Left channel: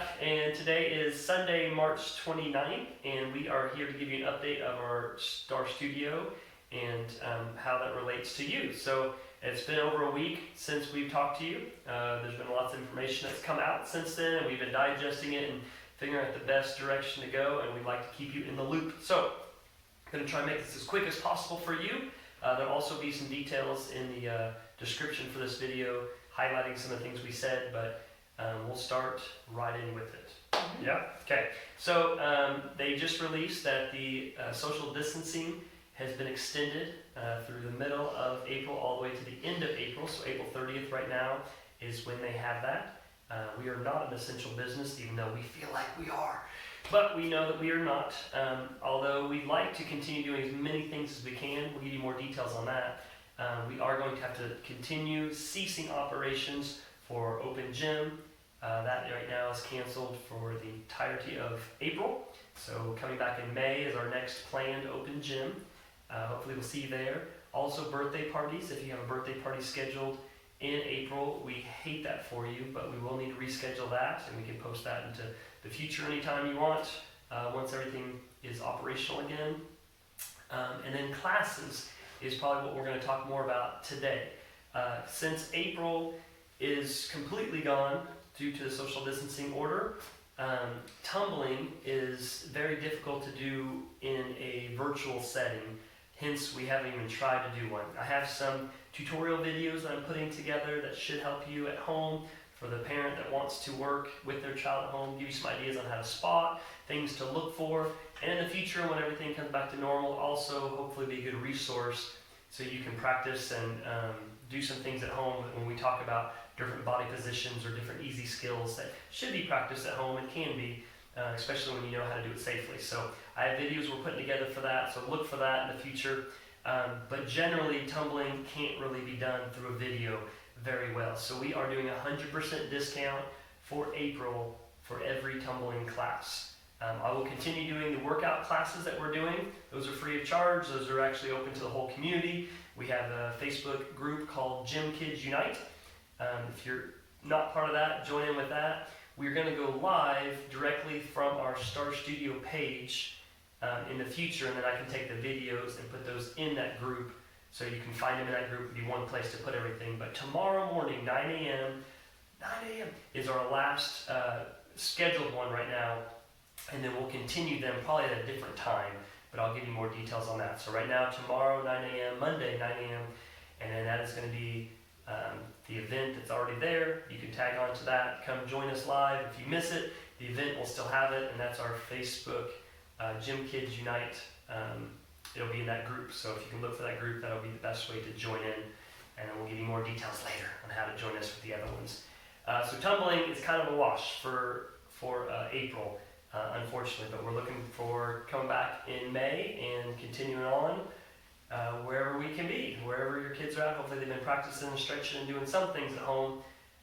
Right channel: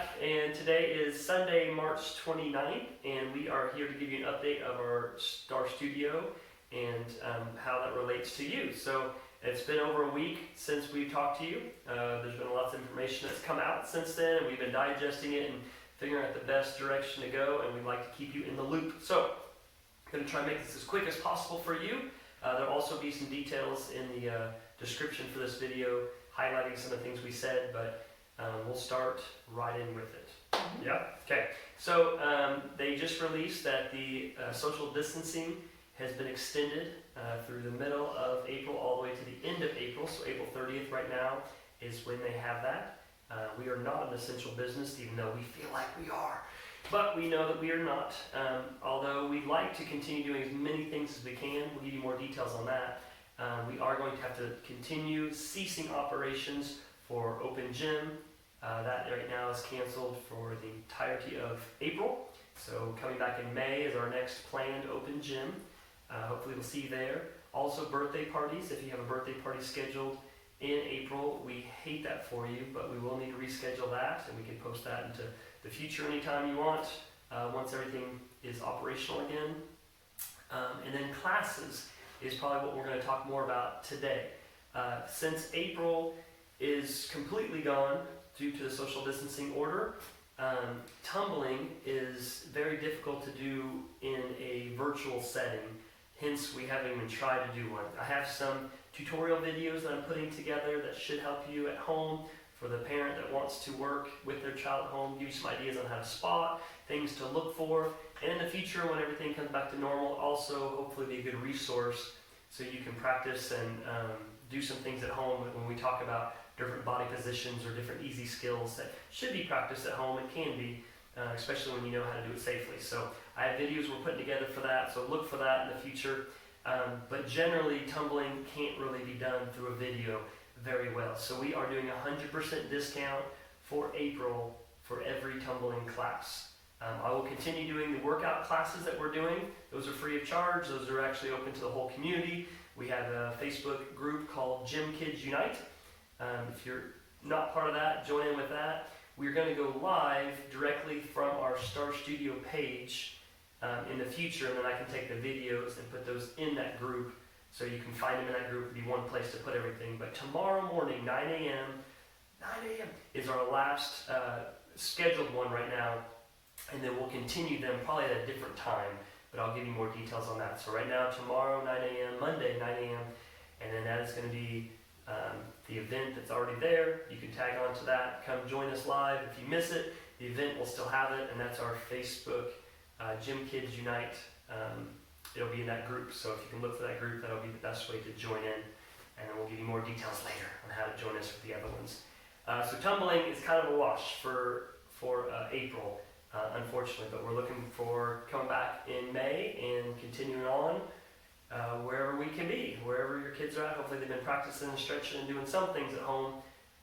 back, and today is Sunday, March 29th, and we are here to give you an update of our Star Studio and how that relates to you. So it's been over a week since we've talked to you. There's been lots of information that's come out since then, and we've been digesting it and figuring out the best direction to go, and we'd like to keep you in the loop. So I'm going to try and make this as quick as possible for you. There'll also be some details in the description for this video highlighting some of the things we said, but we'll start right in with it. Mm-hmm. Yep. Okay. So they just released that the social distancing has been extended through the middle of April all the way to the end of April. So April 30th right now is when they have that. We are not an essential business, even though we feel like we are. But we know that we are not. Although we'd like to continue doing as many things as we can. We'll give you more details on that. We are going to have to continue ceasing operations for Open Gym. That right now is canceled for the entirety of April. So coming back in May is our next planned Open Gym. Hopefully we'll see you there. Also birthday parties. If you have a birthday party scheduled in April, we hate that for you, but we will need to reschedule that, and we can post that into the future anytime you want, once everything is operational again. And then classes is probably what we're going to talk more about today. Since April is completely gone due to the social distancing order, tumbling is very difficult to do in a virtual setting. Hence, we haven't even tried to do one. I have some tutorial videos that I'm putting together that should help you at home for the parent that wants to work with their child at home, give you some ideas on how to spot, things to look for, and in the future when everything comes back to normal, also hopefully be a good resource so you can practice and do some things at home when we talk about different body positions or different easy skills that should be practiced at home and can be, especially when you know how to do it safely. So I have videos we're putting together for that, so look for that in the future. But generally, tumbling can't really be done through a video very well. So we are doing 100% discount for April for every tumbling class. I will continue doing the workout classes that we're doing. Those are free of charge. Those are actually open to the whole community. We have a Facebook group called GymKidz Unite. If you're not part of that, join in with that. We're going to go live directly from our Star Studio page in the future, and then I can take the videos and put those in that group so you can find them in that group. It'll be one place to put everything. But tomorrow morning, 9 a.m. is our last scheduled one right now, and then we'll continue them probably at a different time, but I'll give you more details on that. So right now, tomorrow, 9 a.m., Monday, 9 a.m., and then that is going to be the event that's already there. You can tag on to that. Come join us live. If you miss it, the event will still have it, and that's our Facebook GymKidz Unite. It'll be in that group, so if you can look for that group, that'll be the best way to join in, and then we'll give you more details later on how to join us with the other ones. So tumbling is kind of a wash for April, unfortunately, but we're looking for coming back in May and continuing on wherever we can be, wherever your kids are at. Hopefully they've been practicing and stretching and doing some things at home,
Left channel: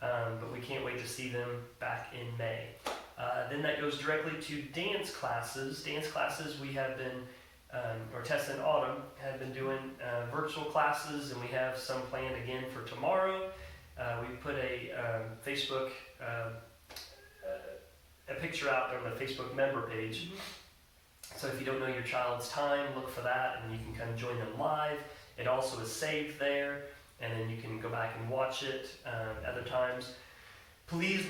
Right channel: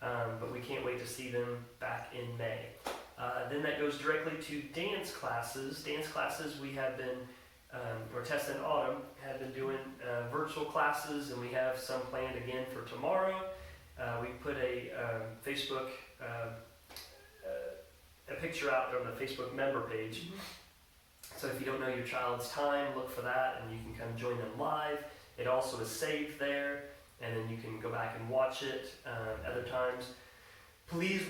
but we can't wait to see them back in May. Then that goes directly to dance classes. Dance classes we have been, or Tessa and Autumn have been doing virtual classes, and we have some planned again for tomorrow. We put a Facebook, a picture out there on the Facebook member page. Mm-hmm. So if you don't know your child's time, look for that, and you can come join them live. It also is saved there, and then you can go back and watch it other times. Please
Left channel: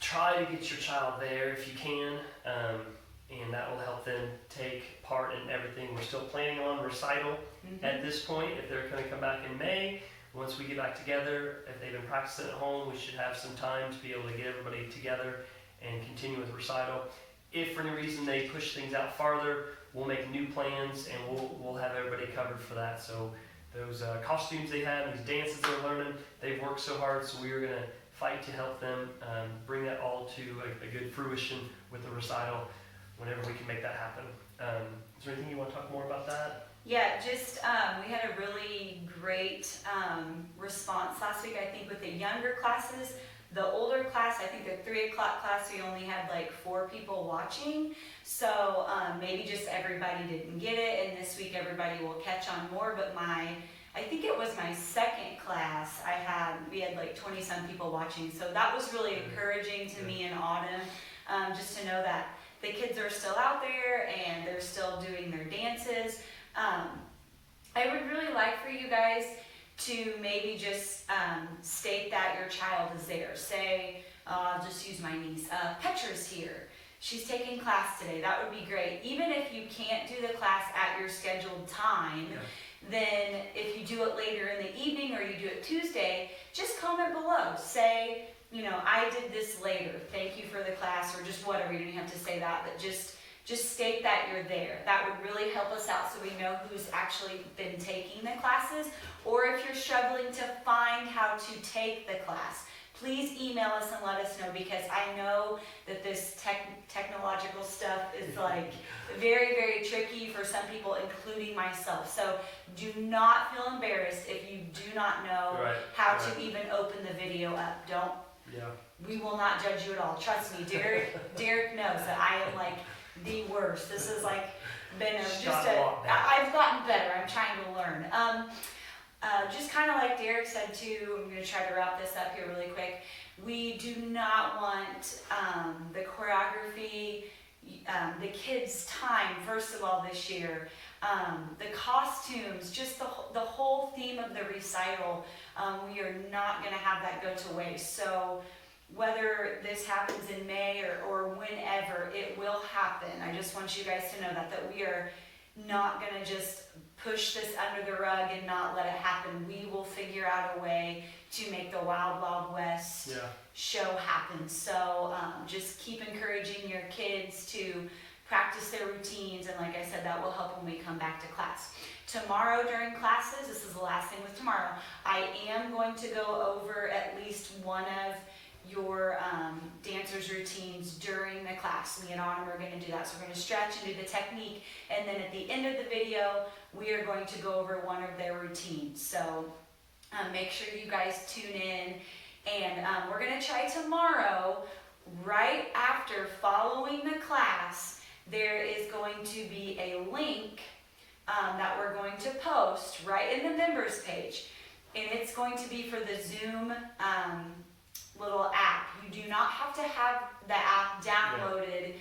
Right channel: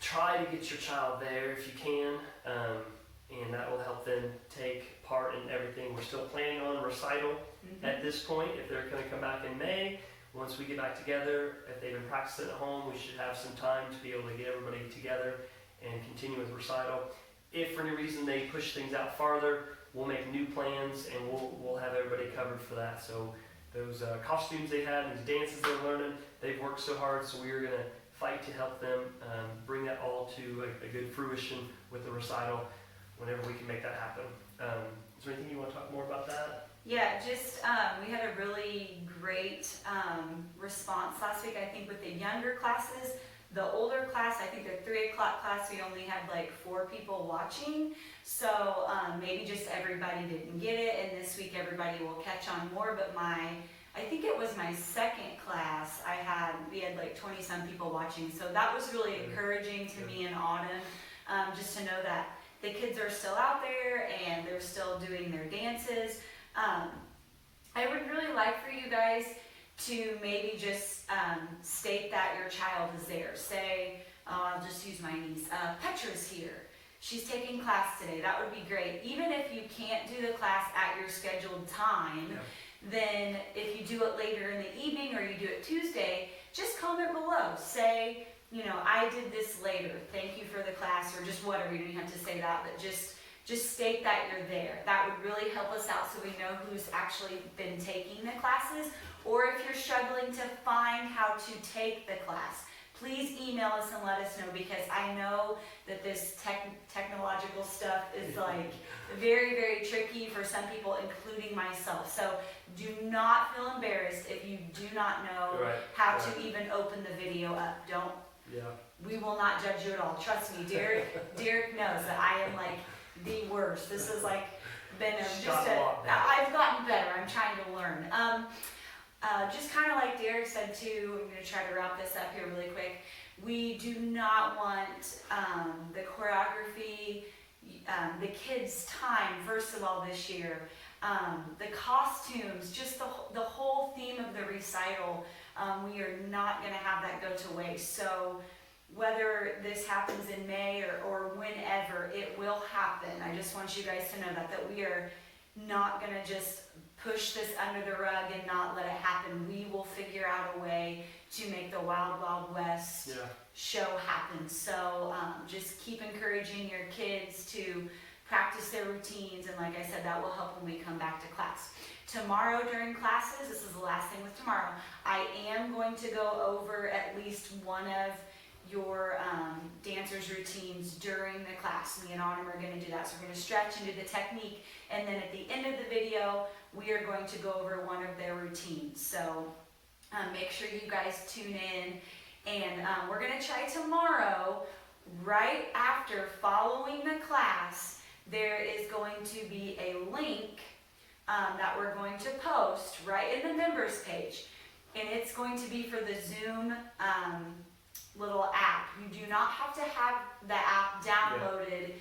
try to get your child there if you can, and that will help them take part in everything. We're still planning on recital at this point. If they're going to come back in May, once we get back together, if they've been practicing at home, we should have some time to be able to get everybody together and continue with recital. If for any reason they push things out farther, we'll make new plans, and we'll have everybody covered for that. So those costumes they have, these dances they're learning, they've worked so hard, so we are going to fight to help them bring that all to a good fruition with the recital whenever we can make that happen. Is there anything you want to talk more about that? Yeah, just we had a really great response last week, I think, with the younger classes. The older class, I think the 3 o'clock class, we only had like 4 people watching. So maybe just everybody didn't get it, and this week everybody will catch on more. But I think it was my second class, we had like 20 some people watching. So that was really encouraging to me and Autumn. just to know that the kids are still out there and they're still doing their dances. I would really like for you guys to maybe just state that your child is there. Say, I'll just use my niece, Petra's here. She's taking class today. That would be great. Even if you can't do the class at your scheduled time, then if you do it later in the evening or you do it Tuesday, just comment below. Say, you know, I did this later. Thank you for the class, or just whatever. You don't have to say that, but just state that you're there. That would really help us out so we know who's actually been taking the classes. Or if you're struggling to find how to take the class, please email us and let us know, because I know that this technological stuff is like very, very tricky for some people, including myself. So do not feel embarrassed if you do not know how to even open the video up. We will not judge you at all. Trust me, Derek knows that I am like the worst. This has like been I've gotten better. I'm trying to learn. Just kind of like Derek said too, I'm going to try to wrap this up here really quick. We do not want the choreography, the kids' time, first of all, this year, the costumes, just the whole theme of the recital. We are not going to have that go to waste. So whether this happens in May or whenever, it will happen. I just want you guys to know that we are not going to just push this under the rug and not let it happen. We will figure out a way to make the Wild Wild West show happen. So just keep encouraging your kids to practice their routines, and like I said, that will help when we come back to class. Tomorrow during classes, this is the last thing with tomorrow, I am going to go over at least one of your dancers' routines during the class. Me and Autumn are going to do that. So we're going to stretch and do the technique, and then at the end of the video, we are going to go over one of their routines. So make sure you guys tune in, and we're going to try tomorrow, right after following the class, there is going to be a link that we're going to post right in the members page, and it's going to be for the Zoom little app. You do not have to have the app downloaded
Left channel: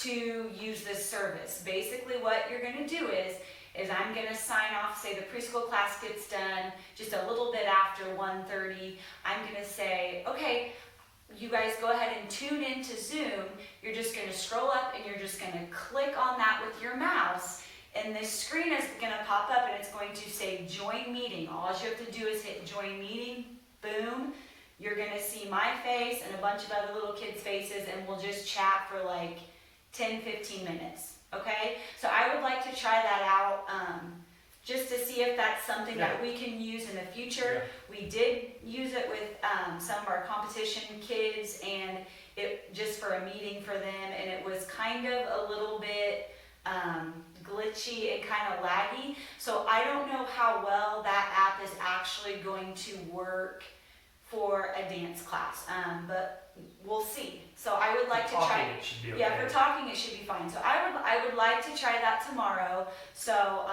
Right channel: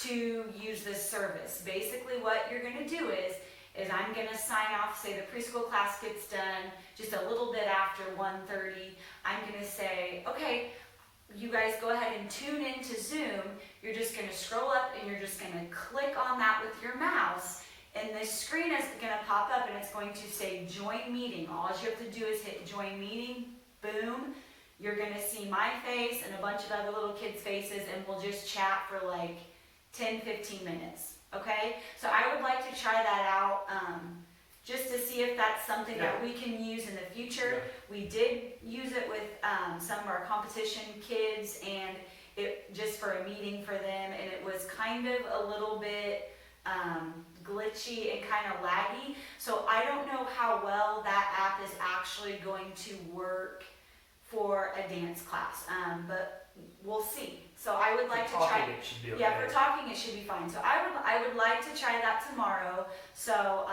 to use this service. Basically what you're going to do is I'm going to sign off, say the preschool class gets done just a little bit after 1:30. I'm going to say, okay, you guys go ahead and tune into Zoom. You're just going to scroll up and you're just going to click on that with your mouse, and this screen is going to pop up and it's going to say join meeting. All you have to do is hit join meeting, boom. You're going to see my face and a bunch of other little kids' faces, and we'll just chat for like 10-15 minutes, okay? So I would like to try that out just to see if that's something that we can use in the future. We did use it with some of our competition kids, and it just for a meeting for them, and it was kind of a little bit glitchy and kind of laggy. So I don't know how well that app is actually going to work for a dance class, but we'll see. So I would like to try. It should be okay. Yeah, for talking it should be fine. So I would like to try that tomorrow. So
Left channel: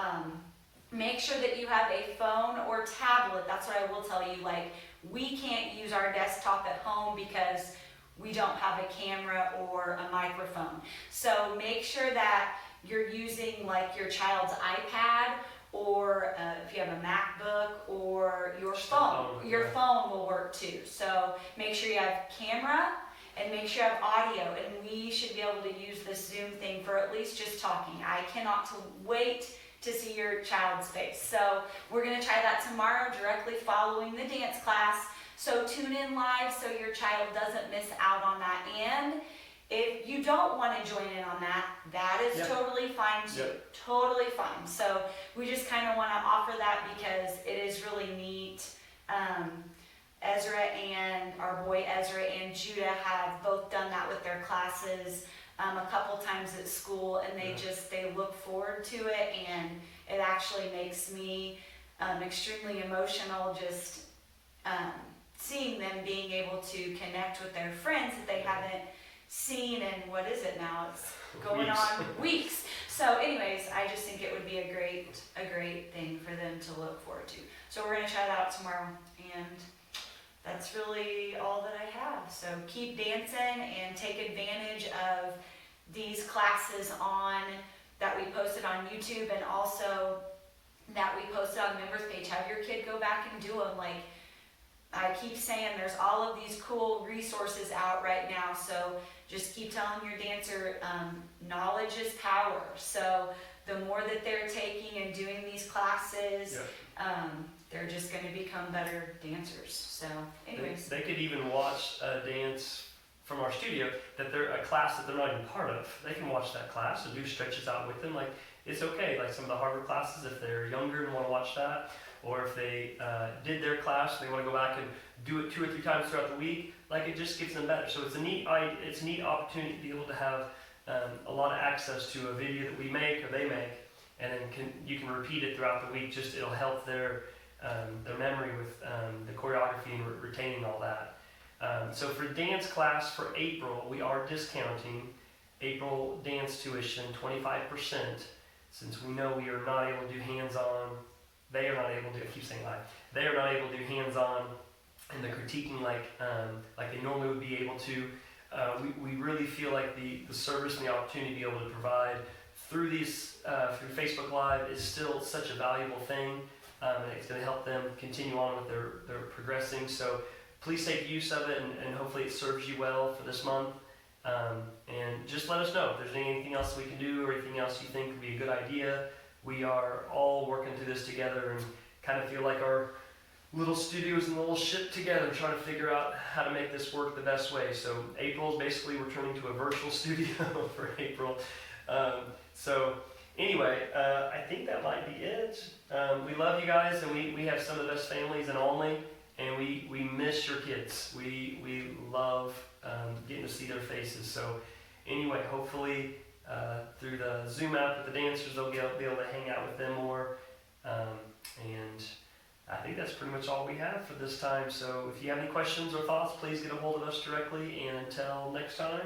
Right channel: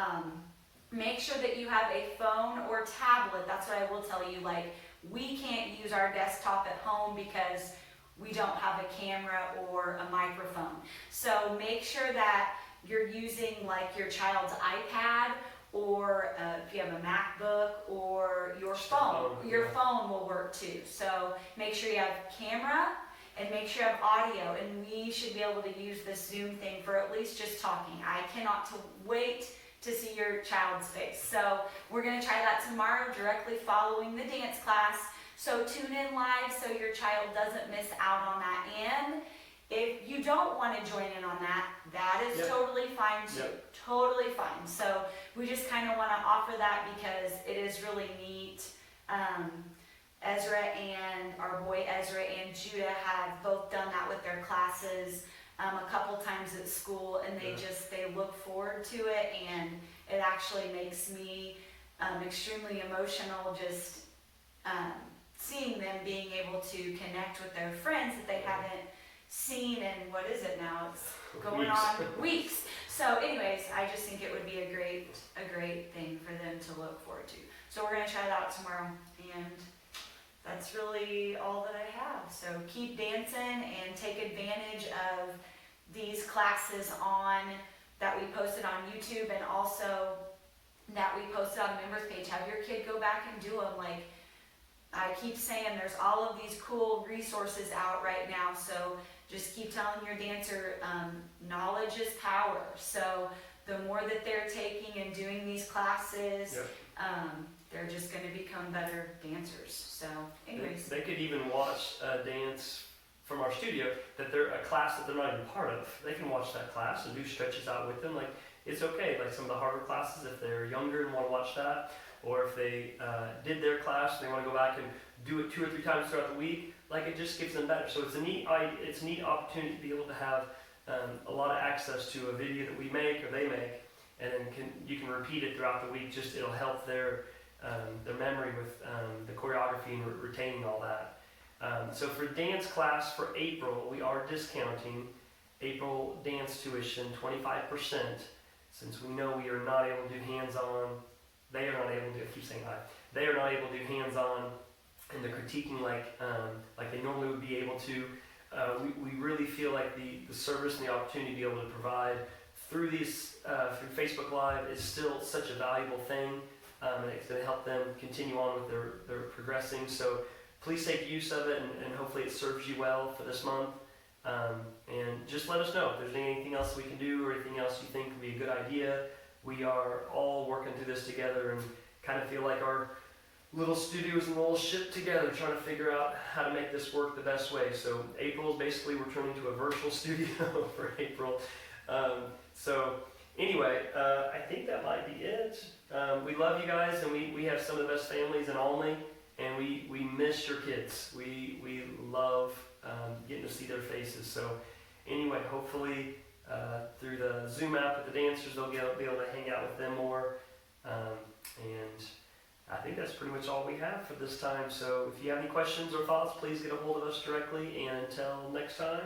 make sure that you have a phone or tablet. That's what I will tell you. Like, we can't use our desktop at home because we don't have a camera or a microphone. So make sure that you're using like your child's iPad, or if you have a MacBook, or your phone. Your phone will work too. So make sure you have camera and make sure you have audio, and we should be able to use this Zoom thing for at least just talking. I cannot wait to see your child's face. So we're going to try that tomorrow directly following the dance class. So tune in live so your child doesn't miss out on that. And if you don't want to join in on that, that is totally fine too. Totally fine. So we just kind of want to offer that because it is really neat. Ezra and our boy Ezra and Judah have both done that with their classes a couple times at school, and they look forward to it, and it actually makes me extremely emotional just seeing them being able to connect with their friends that they haven't seen in, what is it now? It's going on weeks. So anyways, I just think it would be a great thing for them to look forward to. So we're going to try that out tomorrow. And that's really all that I have. So keep dancing and take advantage of these classes that we posted on YouTube, and also that we posted on the members page. Have your kid go back and do them. Like I keep saying, there's all of these cool resources out right now. So just keep telling your dancer, knowledge is power. So the more that they're taking and doing these classes, they're just going to become better dancers. So anyways. They could even watch a dance from our studio that they're a class that they're not even part of. They can watch that class and do stretches out with them. Like, it's okay. Like some of the harder classes, if they're younger and want to watch that, or if they did their class and they want to go back and do it 2 or 3 times throughout the week, like it just gives them better. So it's a neat opportunity to be able to have a lot of access to a video that we make or they make, and then you can repeat it throughout the week. Just it'll help their memory with the choreography and retaining all that. So for dance class for April, we are discounting April dance tuition 25%, since we know we are not able to do hands-on. They are not able to do, I keep saying I, they are not able to do hands-on and the critiquing like they normally would be able to. We really feel like the service and the opportunity to be able to provide through through Facebook Live is still such a valuable thing, and it's going to help them continue on with their progressing. So please take use of it, and hopefully it serves you well for this month. And just let us know if there's anything else we can do or anything else you think would be a good idea. We are all working through this together and kind of feel like our little studios in a little ship together, trying to figure out how to make this work the best way. So April is basically we're turning to a virtual studio for April. So anyway, I think that might be it. We love you guys, and we have some of the best families in Olney, and we miss your kids. We love getting to see their faces. So anyway, hopefully through the Zoom app with the dancers, they'll be able to hang out with them more. And I think that's pretty much all we have for this time. So if you have any questions or thoughts, please get a hold of us directly. And until next time.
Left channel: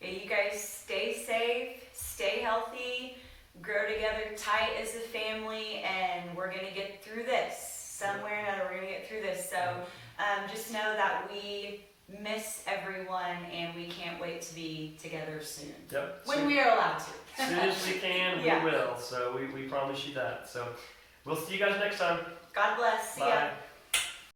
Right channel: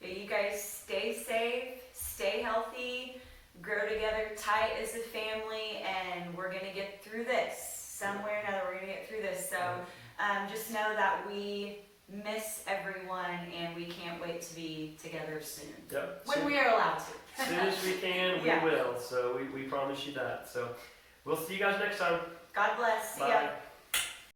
Yeah, you guys stay safe, stay healthy, grow together tight as a family, and we're going to get through this. Some way or another, we're going to get through this. So just know that we miss everyone, and we can't wait to be together soon. Yep. When we are allowed to. As soon as we can, we will. So we promise you that. So we'll see you guys next time. God bless. See ya. Bye.